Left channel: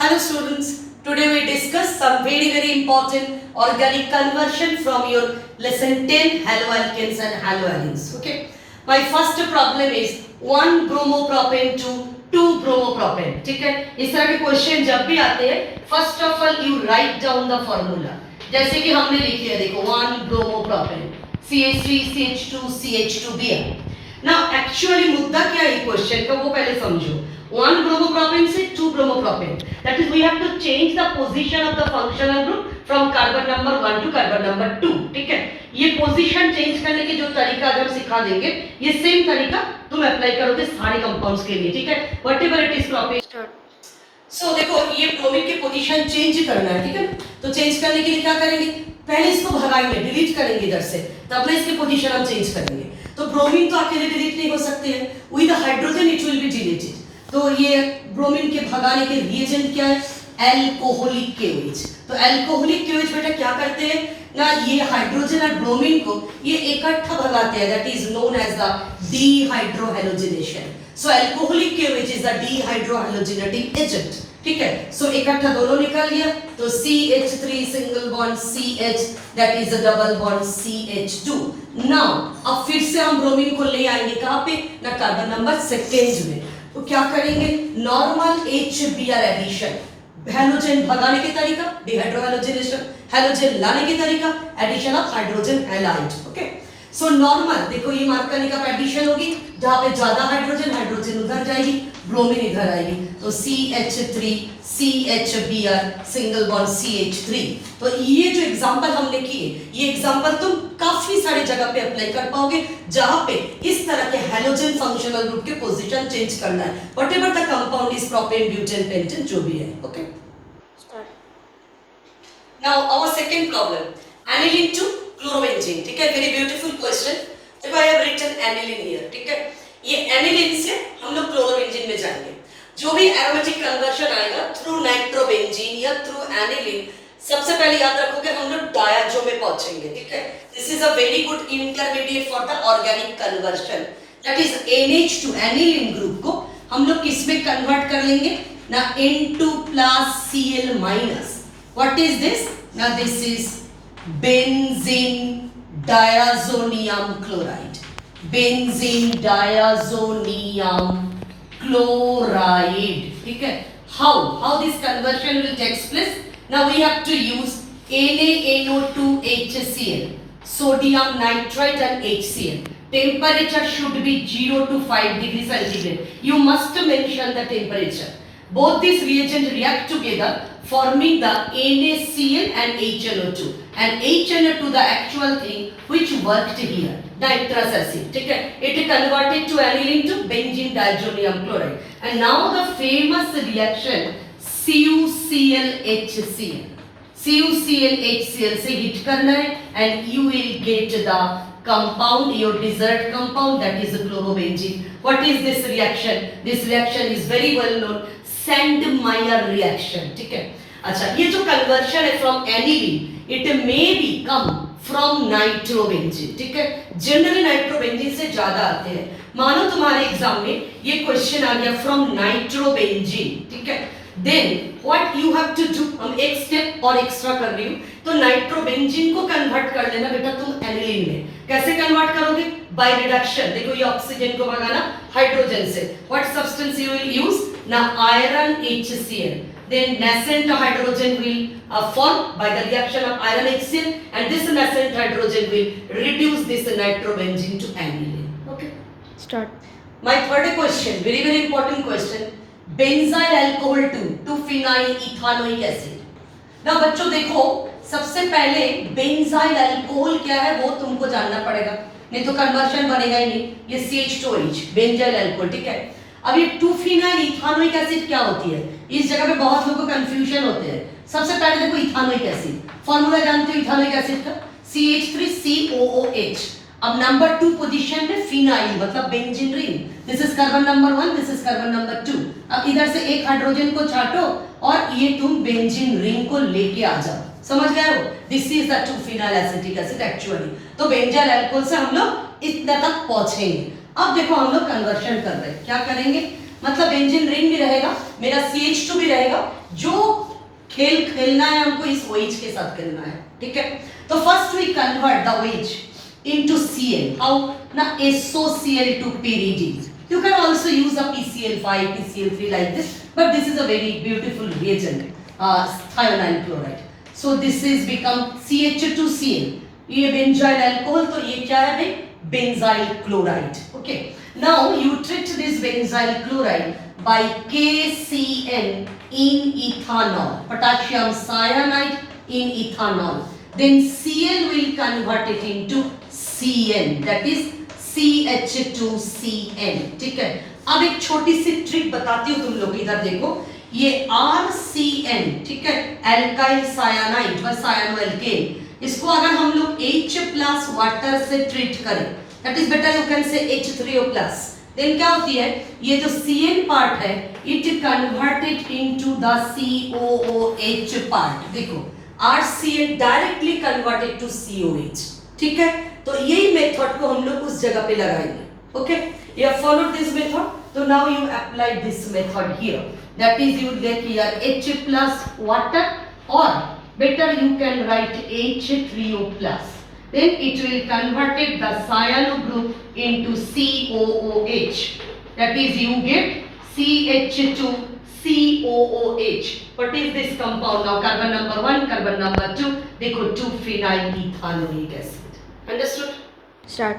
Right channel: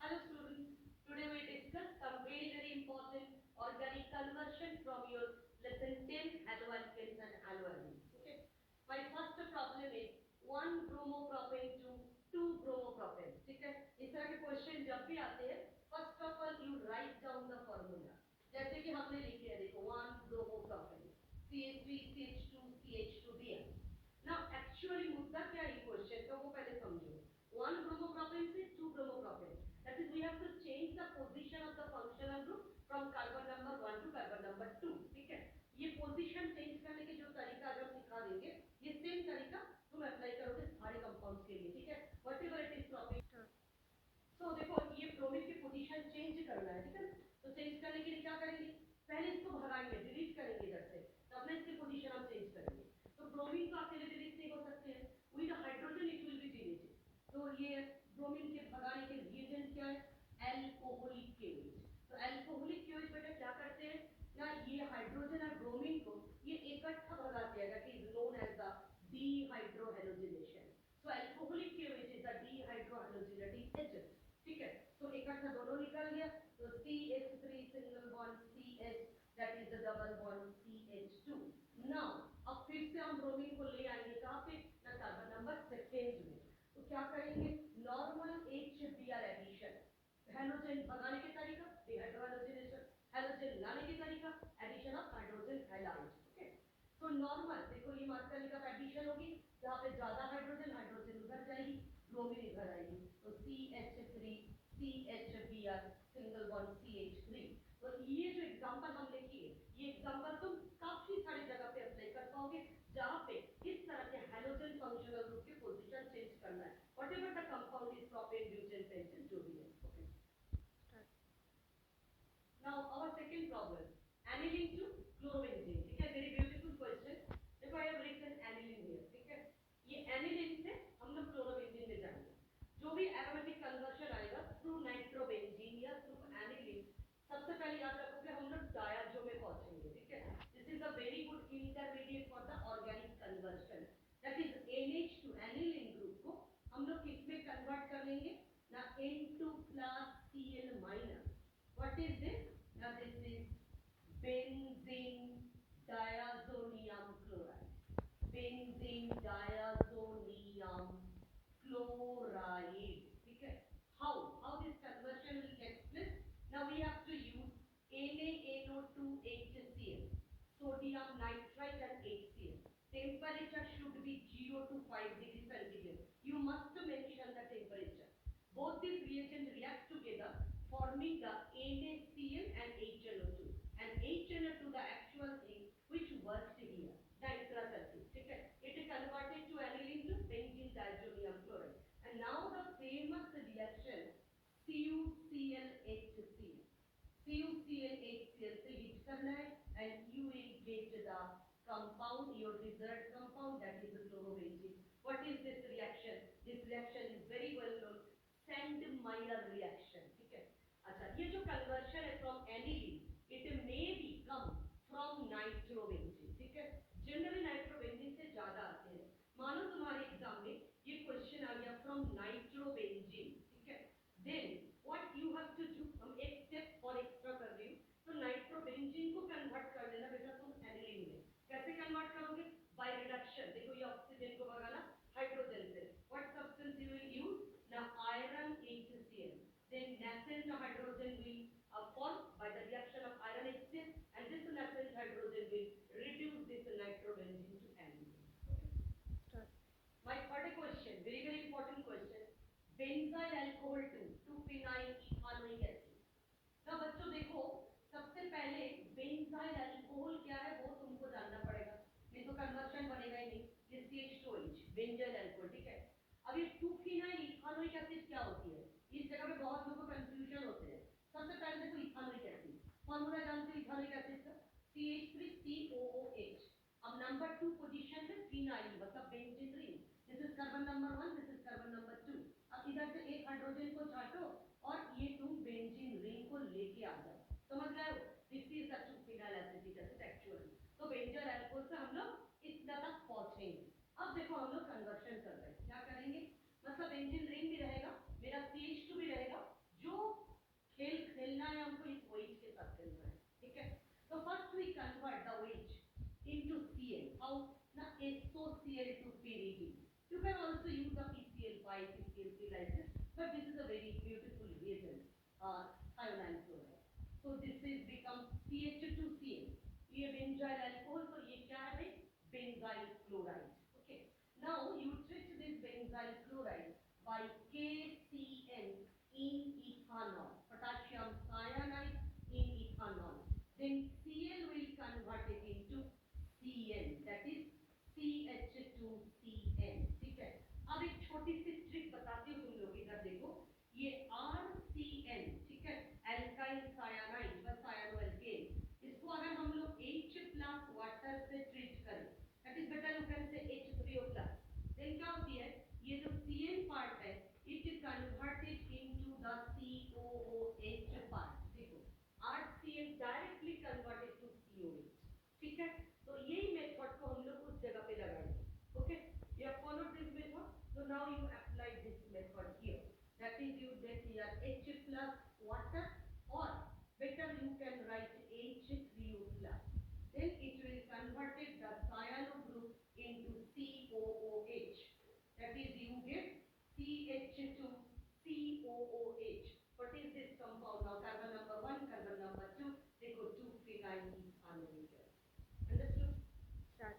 Hello students, today we discuss some very important organic conversion from your lesson 10 haloalkanes and haloalines. Okay, my first problem is 1 bromopropane to 2 bromopropane. ठीक है, इस तरह के question जब भी आते हैं first of all you write down the formula, जैसे कि हमने लिखी है, देखो 1 bromopropane CH3 CH2 CH2Br. ना एक्चुअली मुद्दा क्या है क्वेश्चन का वो पहले समझो. 1 bromopropane से 2 bromopropane, that is we have to change the position of the functional group from carbon number 1 to carbon number 2. ठीक है, ये पोजीशन चेंज करने के जो तरीका आज हम सिखा देंगे, ये सेम तरीका तुम अप्लाई करोगे सारे कंपाउंड्स के लिए. ठीक है, व्हाटएवर इट इज प्रोपेन. सो देखो ये ब्रोमीन की पोजीशन चेंज करना है. ठीक है, तो चेंज करने के लिए क्या करेंगे, पहले इसको भगाएंगे, डिलीट करेंगे इधर से, तब ना इसकी पोजीशन हम चेंज करेंगे. तो ब्रोमीन तो अकेले डिलीट नहीं हो सकते हैं, with the hydrogen it will be deleted. तो ये ब्रोमीन के भगाने के रिएजेंट क्या है, अल्कोहलिक केओएच. तो अल्कोहलिक केओएच बेटा क्या करते हैं ना, ये हाइड्रोजन और ब्रोमीन को ये इकट्ठा भगाते हैं, that is known as the dehydrohalogenation. So alcoholic KOH is the dehydrohalogenating agent. ठीक है, सो इकट्ठा दोनों निकाल लिया, तो CH3 single bond CH, that is a double bond CH2. Now अब फिर से हम ब्रोमीन को ले आएंगे कहां पे ना, कार्बन नंबर सेकेंड में. तो क्या करेंगे, नॉर्मल HBr एडिशन, हैलोजन भगाने के तरीका डिहाइड्रोहैलोजिनेशन, हैलोजन लाने के तरीका addition of hydrogen halide. Okay, so normal देखो ये मार्क करने का एडिशन होगी, जहां पे ज्यादा हाइड्रोजन, हाइड्रोजन उधर जाएगी, ब्रोमीन इधर आएगी, तो CH3 CHBr single bond CH3. तो ये जो एग्जांपल हमने किए, ये एग्जांपल तुम काफी सारी जगह पे अप्लाई कर पाओगे जहां पे इस तरह के हैलोजन फंक्शनल ग्रुप के पोजीशन चेंज करना है, whatever the compound is propane butane pentane जो भी है. Okay, now our second problem, aniline to chlorobenzene. ठीक है, वेरी ब्यूटीफुल क्वेश्चन. देखो I have written aniline here. ठीक है, ये aniline से हम लोग क्लोरोबेंजीन में जाएंगे. जो भी एरोमेटिक कन्वर्शन आएगा थ्रू नाइट्रोबेंजीन या थ्रू aniline, सबसे पहले याद रखोगे हम लोग डायाजो में पहुंचेंगे. ठीक है, this is a very good intermediate for the organic conversion, that is NH2 aniline group को हम लोग किस में कन्वर्ट कर लेंगे ना, N2 plus Cl minus. What is this ना, this is benzene diazonium chloride. Benzene diazonium chloride. ठीक है, how this conversion will take place? Now we have to use NaNO2HCl, sodium nitrite and HCl. Temperature should be 0 to 5 degrees centigrade. You must mention the temperature. Both these reagents react together forming the NaCl and HNO2, and HNO2 the actual thing which worked here, nitrous acid. ठीक है, it converted to aniline to benzene diazonium chloride, and now the famous reaction CuClHCl. CuClHCl से hit करना है and you will get the compound, your desired compound, that is chlorobenzene. What is this reaction? This reaction is very well known, Sandmeyer reaction. ठीक है, अच्छा ये जो conversion है from aniline, it may be come from nitrobenzene. ठीक है, generally nitrobenzene से ज्यादा आते हैं. मानो तुम्हारे एग्जाम में ये क्वेश्चन आ गया फ्रॉम नाइट्रोबेंजीन. ठीक है, then what you have to do, हम एक स्टेप और एक्स्ट्रा कर रही हूं, तो नाइट्रोबेंजीन को कन्वर्ट कर लेना बेटा तुम एनिलीन में. कैसे कन्वर्ट करोगे, बाय रिडक्शन. देखो ये ऑक्सीजन को भगाना हाइड्रोजन से, what substance you will use ना, iron HCl. Then nascent hydrogen will form by the reaction of iron HCl, and this nascent hydrogen will reduce this nitrobenzene to aniline. Okay, Start. my third question, very important question, benzyl alcohol to phenyl ethanoic acid. now बच्चों देखो सबसे पहले benzyl alcohol क्या है वो तुमको जानना पड़ेगा, नहीं तो कन्वर्शन बनेगा ही नहीं. ये CH2H benzyl alcohol. ठीक है, अब ये 2-phenyl इथानोइक एसिड क्या होती है, इस जगह पे बहुत लोगों को कंफ्यूजन होते हैं. सबसे पहले देखो इथानोइक एसिड, फॉर्मूला जानते हो इथानोइक एसिड का, CH3COOH. अब नंबर 2 पोजीशन में फिनाइल मतलब benzene ring, this is carbon number 1, this is carbon number 2. अब इधर से एक हाइड्रोजन को छाटो और ये तुम बेंजीन रिंग को लेके आ जाओ. समझ गए हो, this is the 2-phenyl acetic acid actually. तो बेंजाइल अल्कोहल से हम लोग इतना तक पहुंचेंगे. अब देखो हम लोग कन्वर्शन कर रहे हैं, क्या करेंगे मतलब बेंजीन रिंग भी रहेगा, मेरा CH2 भी रहेगा। जो खेल खेलना है हमको इस OH के साथ खेलना है, ठीक है। तो first we convert the OH into Cl. How? Na SOCl to pyridine. You can also use a PCl5, PCl3 like this, but this is a very beautiful reagent, thionyl chloride. So this is become CH2Cl. ये benzyl alcohol, तो ये क्या है भाई? Benzyl chloride. Okay, now you treat this benzyl chloride by KCN in ethanol, potassium cyanide in ethanol. Then Cl will convert it into Cn, that is CH2Cn, ठीक है। अब एक छोटी सी ट्रिक बताती हूँ तुम लोग, इधर देखो, ये RCN, ठीक है, एल्काइल सायानाइड व सायानो एल्केन, इसको अगर हम लोग H प्लस वाटर से ट्रीट करें, that is better, you can say H3O plus, then क्या होती है, ये जो Cn पार्ट है it converted into the COOH part. देखो RCN directly converted to COH, ठीक है। तो यही मेथड को हम लोग उस जगह पे लगाएंगे। Okay, you have followed this method, तो now you apply this method here, that is you let here H plus water, और better you can write H3O plus, then it will converted the cyano group into COOH, that is you get CH2 COOH. What is this compound now? Carbon number 1, carbon number 2, देखो 2-phenyl ethanoic acid. Understood? Start.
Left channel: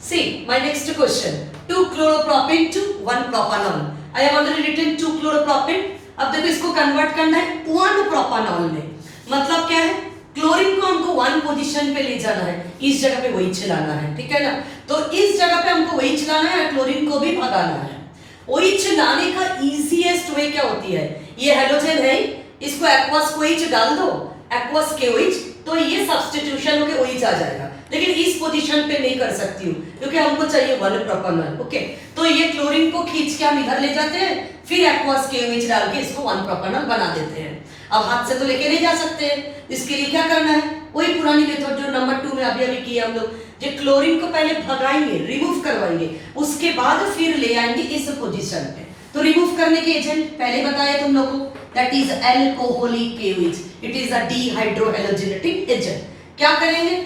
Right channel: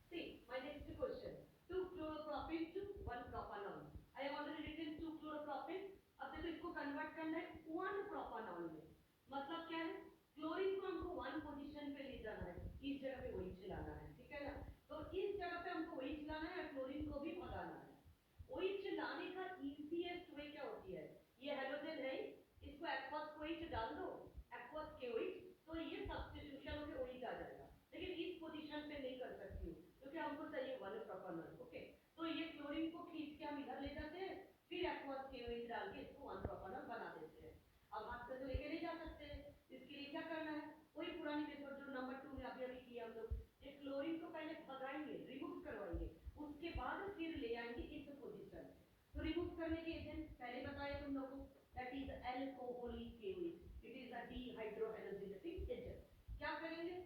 See my next question, 2 chloropropane to 1 propanol. I have already written 2 chloropropane. अब देखो इसको convert करना है 1 प्रोपानॉल में। मतलब क्या है, क्लोरीन को हमको 1 पोजीशन पे ले जाना है, इस जगह पे वही चलाना है, ठीक है ना। तो इस जगह पे हमको वही चलाना है, क्लोरीन को भी भगाना है। वही चलाने का इजीएस्ट वे क्या होती है, ये हेलोजन है, इसको एक्वस OH डाल दो, एक्वस KOH, तो ये सब्स्टिट्यूशन होके OH आ जाएगा। लेकिन इस पोजीशन पे नहीं कर सकती हूँ क्योंकि हमको चाहिए 1 प्रोपानॉल। ओके, तो ये क्लोरीन को खींच के हम इधर ले जाते हैं, फिर एक्वस KOH डाल के इसको 1 प्रोपानॉल बना देते हैं। अब हाथ से तो लेके नहीं जा सकते हैं, इसके लिए क्या करना है, वही पुरानी मेथड जो नंबर 2 में अभी किया हम लोग, जो क्लोरीन को पहले भगाएंगे, रिमूव करवाएंगे, उसके बाद फिर ले आएंगे इस पोजीशन पे। तो रिमूव करने के एजेंट पहले बताया तुम लोगों को, that is alcoholic KOH, it is a dehydrohalogenetic agent. क्या करेंगे,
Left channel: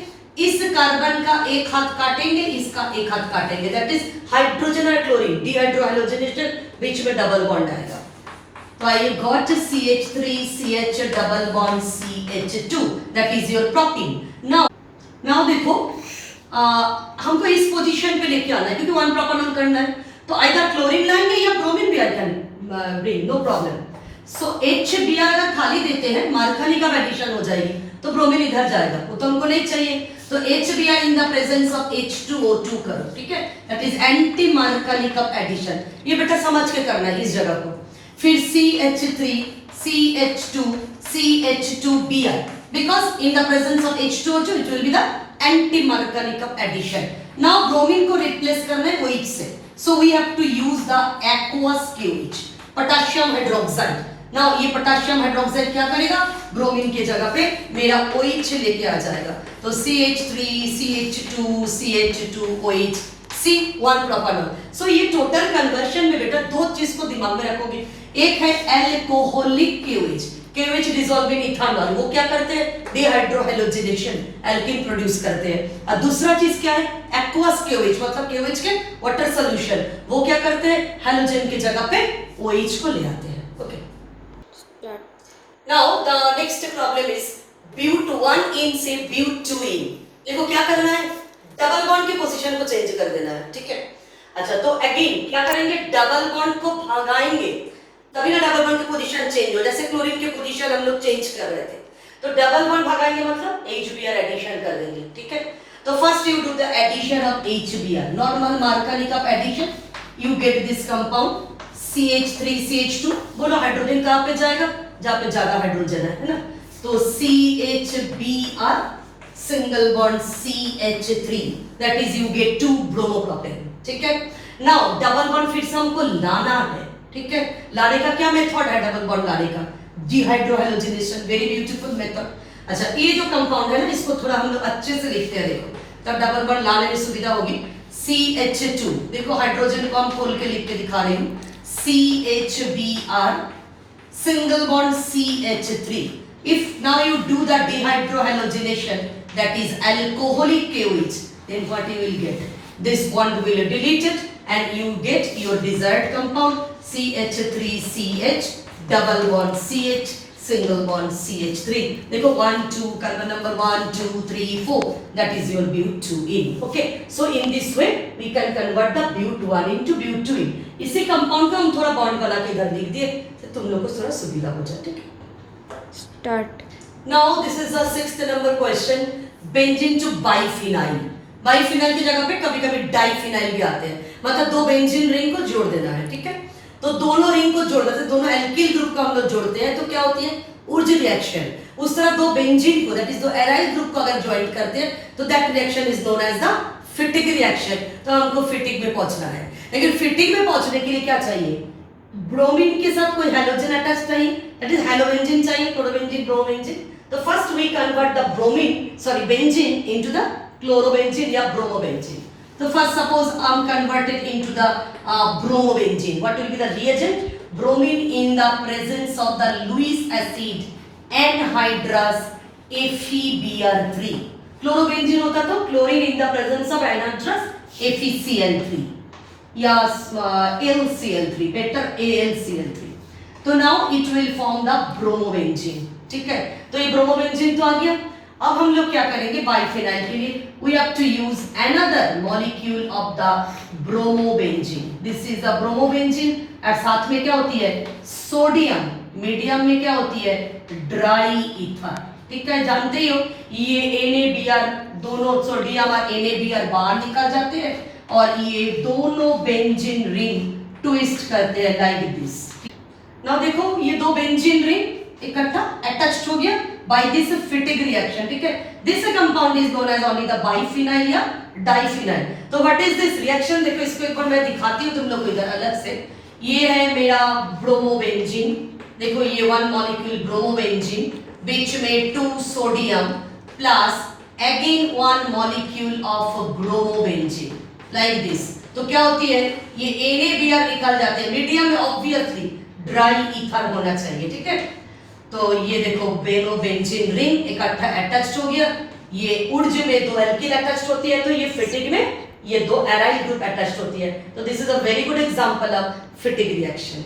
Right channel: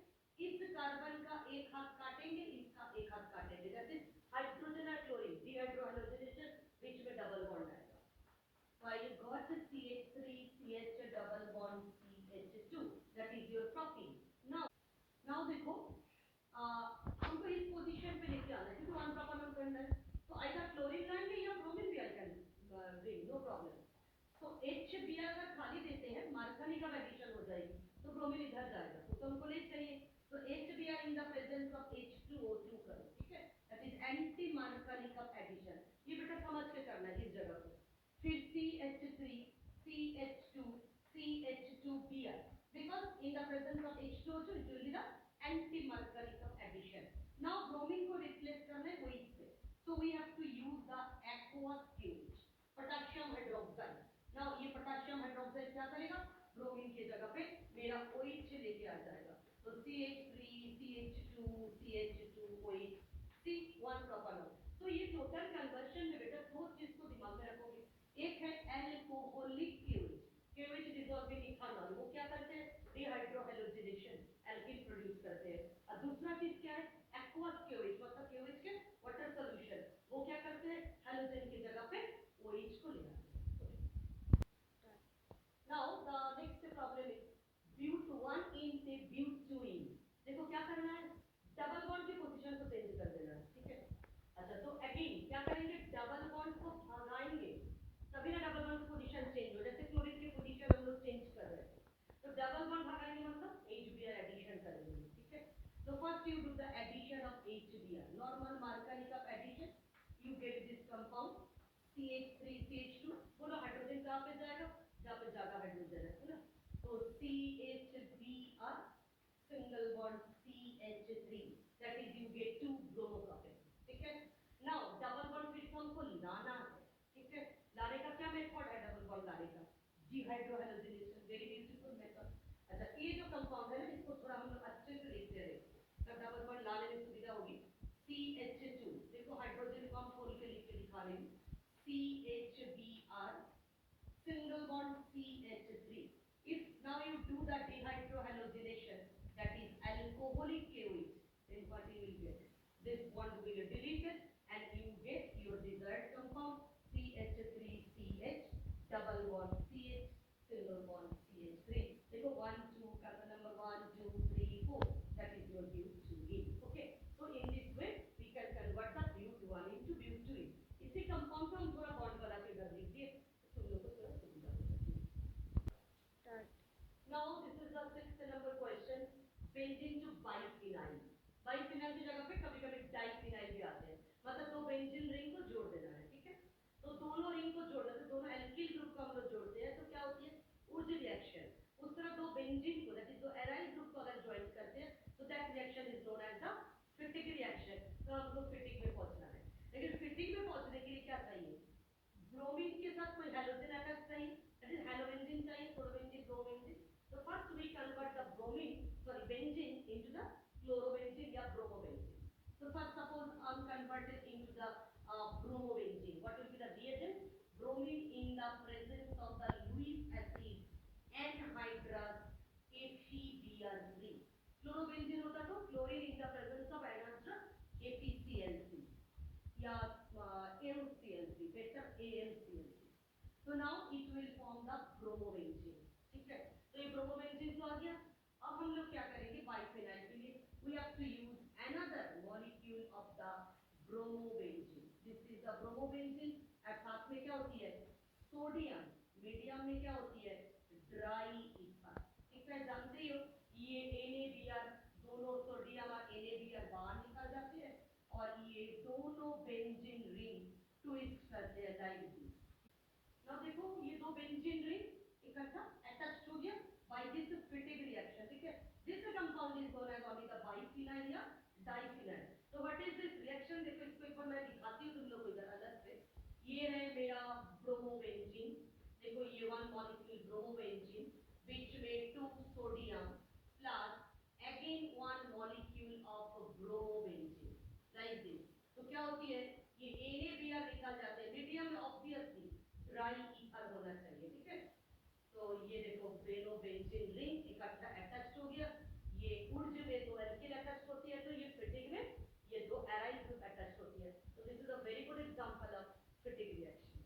इस कार्बन का एक हाथ काटेंगे, इसका एक हाथ काटेंगे, दैट इज हाइड्रोजन और क्लोरीन, डिहाइड्रोहेलोजेनेटेड, बीच में डबल बॉन्ड आएगा। तो I got CH3CH double bond CH2, that is your propene. Now देखो हमको इस पोजीशन पे लेके आना है क्योंकि 1 प्रोपानॉल करना है, तो आइदर क्लोरीन लाएंगे या ब्रोमीन भी I can bring, no problem. So HBr अगर खाली देते हैं, मार्कनिक एडिशन हो जाएगी, तो ब्रोमीन इधर जाएगा, वो तो हमको नहीं चाहिए। तो HBr in the presence of H2O2 करो, ठीक है, दैट इज एंटी मार्कनिक एडिशन। ये बेटा समझ के करना है इस जगह को। फिर CH3 CH2 CH2Br, because in the presence of H2O2 it will be the anti-marconic addition. Now bromine को replace करना है OH से, so we have to use the aqueous KOH, potassium hydroxide. Now ये potassium hydroxide क्या करेगा, bromine के जगह पे मेरा OH लेके आ जाएगा। तो CH3 CH2 CH2 OH C1 प्रोपानॉल। सो ये टोटल कन्वर्शन में बेटा 2 चीज को दिमाग में रखोगे, एक है alcoholic KOH, KOH dissolve in ethanol, वो क्या करते हैं, डिहाइड्रोहेलोजिनेशन, एल्कीन प्रोड्यूस करते हैं। और दूसरा चीज क्या है, एक्वस KOH, मतलब KOH के वाटर सॉल्यूशन, वो क्या करते हैं, हेलोजन की जगह पे OH को ले आते हैं। Okay, now the next problem is but1 से but2. देखो क्या करना है, डबल बॉन्ड की पोजीशन को चेंज कर देना है, ठीक है। अच्छा, तो अगेन क्या करेंगे, डबल बॉन्ड को भगाएंगे, तभी ना डबल बॉन्ड की पोजीशन चेंज हो। जैसे क्लोरीन की पोजीशन हम लोग चेंज कर रहे थे, तो डबल बॉन्ड भगाएंगे मतलब HBr एडिशन कर देंगे, ठीक है। तो first you do the addition of HBr, normal Markovnikov addition, you get this compound CH3CH2, बोलो हाइड्रोजन कहाँ पे जाएगा, जहाँ पे ज्यादा हाइड्रोजन है ना, तो CHBr single bond CH3, that is you get 2 bromopropane, ठीक है। नाउ डबल बॉन्ड फिर से हमको लाना है, ठीक है। लाने का क्या मेथड है, डबल बॉन्ड लाने का, डिहाइड्रोहेलोजिनेशन, वेरी ब्यूटीफुल मेथड। अच्छा, ये जो कंपाउंड है ना, इसको थोड़ा हम लोग अच्छे से लिखते हैं, देखो तब डबल बॉन्ड लाने में सुविधा होगी। CH2, देखो हाइड्रोजन को हम खोल के लिख के दिखा रही हूँ, CHBr, single bond CH3. If now you do the dehydrohalogenation, that is alcoholic KOH, then what you will get? This bond will delete it and you get your desired compound CH3CH, double bond CH, single bond CH3. देखो 1 2 carbon number 1 2 3 4, that is your but2ene. Okay, so in this way we can convert the but1 into but2ene. इसी compound को हम थोड़ा bond बना के इधर लिख दिए तो तुम लोग को थोड़ा सुविधा हो जाए. ठीक है, start. now this is the 6th number question. Benzene to biphenyl. Biphenyl की जगह पे कभी कभी डाइफिनाइल भी आते हैं, मतलब दो बेंजीन रिंग को जोड़ देना है. ठीक है, तो दोनों रिंग को जोड़ देते, दोनों एल्किल ग्रुप को हम लोग जोड़ते हैं तो क्या होती है? Wurtz reaction. उस तरह दो बेंजीन को, दैट इज दो एराइल ग्रुप को अगर ज्वाइन करते हैं तो that reaction is known as the Fittig reaction. तो हमको फिटिक में पहुंचना है, लेकिन फिटिक में पहुंचने के लिए क्या चाहिए? ब्रोमीन के साथ कोई हैलोजन अटैच चाहिए, दैट इज हैलोबेंजीन चाहिए, क्लोरोबेंजीन, ब्रोमेंजीन. तो first we convert the benzene into the chlorobenzene या bromobenzene. So first suppose I am converted into the bromobenzene. What will be the reagent? Bromine in the presence of the Lewis acid anhydrous FeBr3. Chlorobenzene होता तो chlorine in the presence of anhydrous FeCl3 या LCl3, better AlCl3. तो now it will form the bromobenzene. ठीक है, तो ये bromobenzene तो आ गया. अब हम लोग क्या करेंगे? बाइफिनाइल के लिए we have to use another molecule of the bromobenzene. This is the bromobenzene और साथ में क्या होती है? सोडियम. मीडियम में क्या होती है? Dry ether. ठीक है, जानते ही हो ये NaBr, दोनों सोडियम और NaBr बाहर निकल जाते हैं और ये दोनों बेंजीन रिंग ट्विस्ट करते हैं लाइक दिस. नाउ देखो ये दो बेंजीन रिंग इकट्ठा अटैच्ड हो गया बाय दिस फिटिक रिएक्शन. ठीक है, this compound is known as only the biphenyl या डाइफिनाइल. तो व्हाट इज दिस रिएक्शन? देखो इसको एक बार मैं दिखाती हूं तुम लोग को इधर अलग से. ये है मेरा ब्रोमोबेंजीन. देखो ये वन मॉलिक्यूल ब्रोमोबेंजीन, बीच में 2 sodium plus again one molecule of bromobenzene like this. तो क्या होती है? ये NaBr निकल जाते हैं. मीडियम में ऑब्वियसली ड्राई ईथर होना चाहिए. ठीक है, तो ये देखो ब्रोमोबेंजीन रिंग इकट्ठा अटैच्ड हो गया. ये उर्ज में दो एल्किल अटैच्ड होती है, तो ये फिटिक में ये दो एराइल ग्रुप अटैच्ड होती है. तो this is a very good example of फिटिक reaction.